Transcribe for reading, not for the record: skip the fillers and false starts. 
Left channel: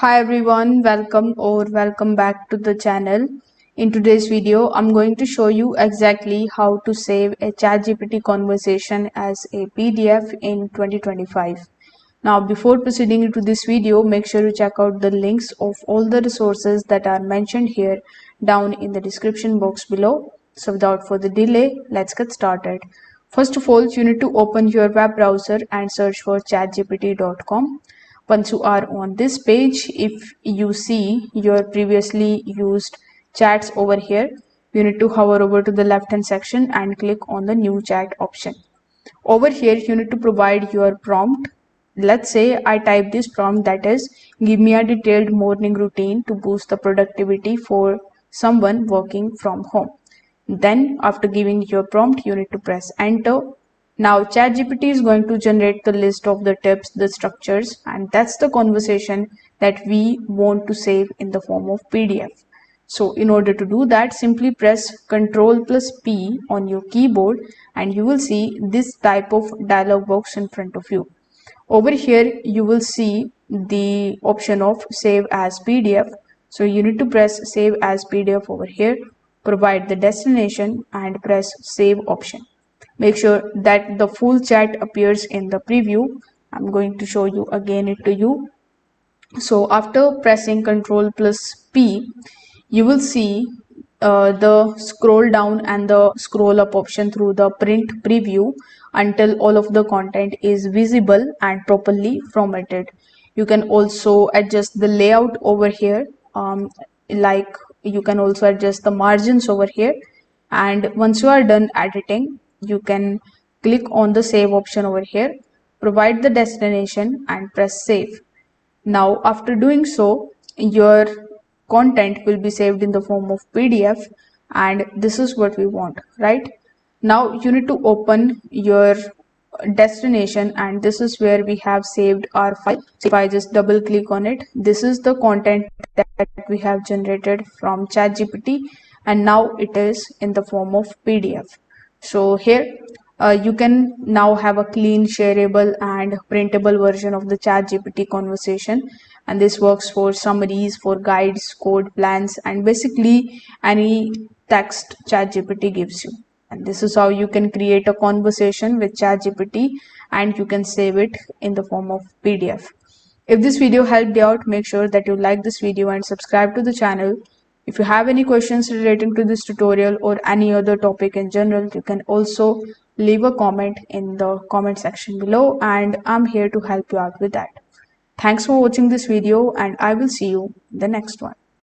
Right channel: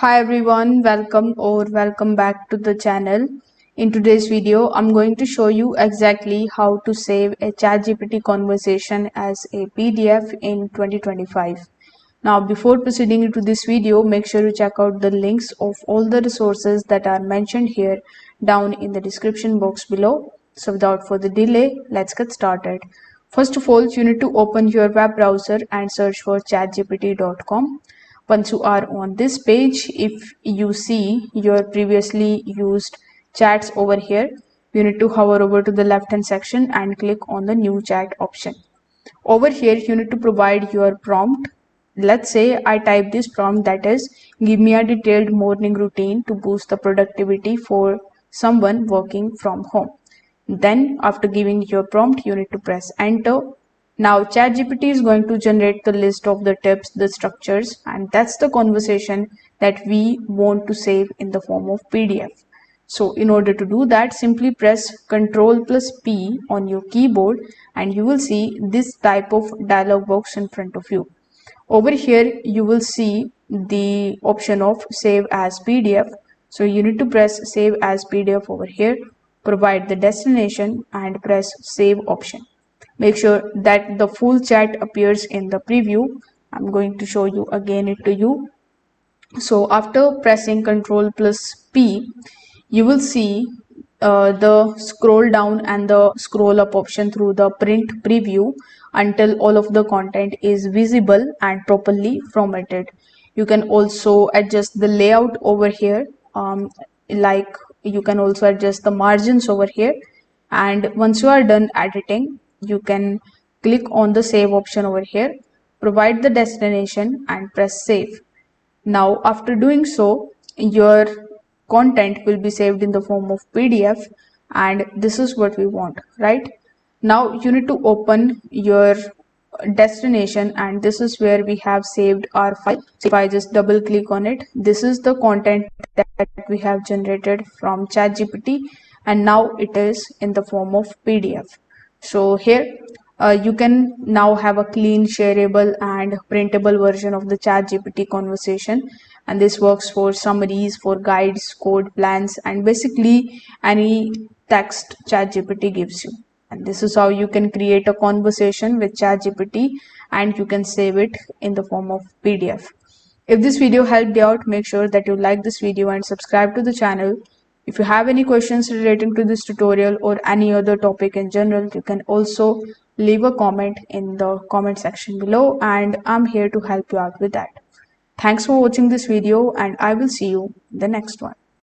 Hi everyone, welcome back to the channel. In today's video, I'm going to show you exactly how to save a ChatGPT conversation as a PDF in 2025. Now, before proceeding into this video, make sure you check out the links of all the resources that are mentioned here down in the description box below. So without further delay, let's get started. First of all, you need to open your web browser and search for chatgpt.com. Once you are on this page, if you see your previously used chats over here, you need to hover over to the left hand section and click on the new chat option. Over here, you need to provide your prompt. Let's say I type this prompt, that is, give me a detailed morning routine to boost the productivity for someone working from home. Then after giving your prompt, you need to press enter. Now ChatGPT is going to generate the list of the tips, the structures, and that's the conversation that we want to save in the form of PDF. So in order to do that, simply press Ctrl plus P on your keyboard and you will see this type of dialog box in front of you. Over here, you will see the option of save as PDF. So you need to press save as PDF over here, provide the destination and press save option. Make sure that the full chat appears in the preview. I'm going to show you again it to you. So after pressing Ctrl plus P, you will see the scroll down and the scroll up option through the print preview until all of the content is visible and properly formatted. You can also adjust the layout over here, like you can also adjust the margins over here. And once you are done editing, you can click on the save option over here, provide the destination and press save. Now, after doing so, your content will be saved in the form of PDF, and this is what we want, right? Now, you need to open your destination, and this is where we have saved our file. So if I just double click on it, this is the content that we have generated from ChatGPT, and now it is in the form of PDF. So here you can now have a clean, shareable and printable version of the ChatGPT conversation, and this works for summaries, for guides, code plans, and basically any text ChatGPT gives you. And this is how you can create a conversation with ChatGPT and you can save it in the form of PDF. If this video helped you out, make sure that you like this video and subscribe to the channel. If you have any questions relating to this tutorial or any other topic in general, you can also leave a comment in the comment section below and I'm here to help you out with that. Thanks for watching this video and I will see you in the next one.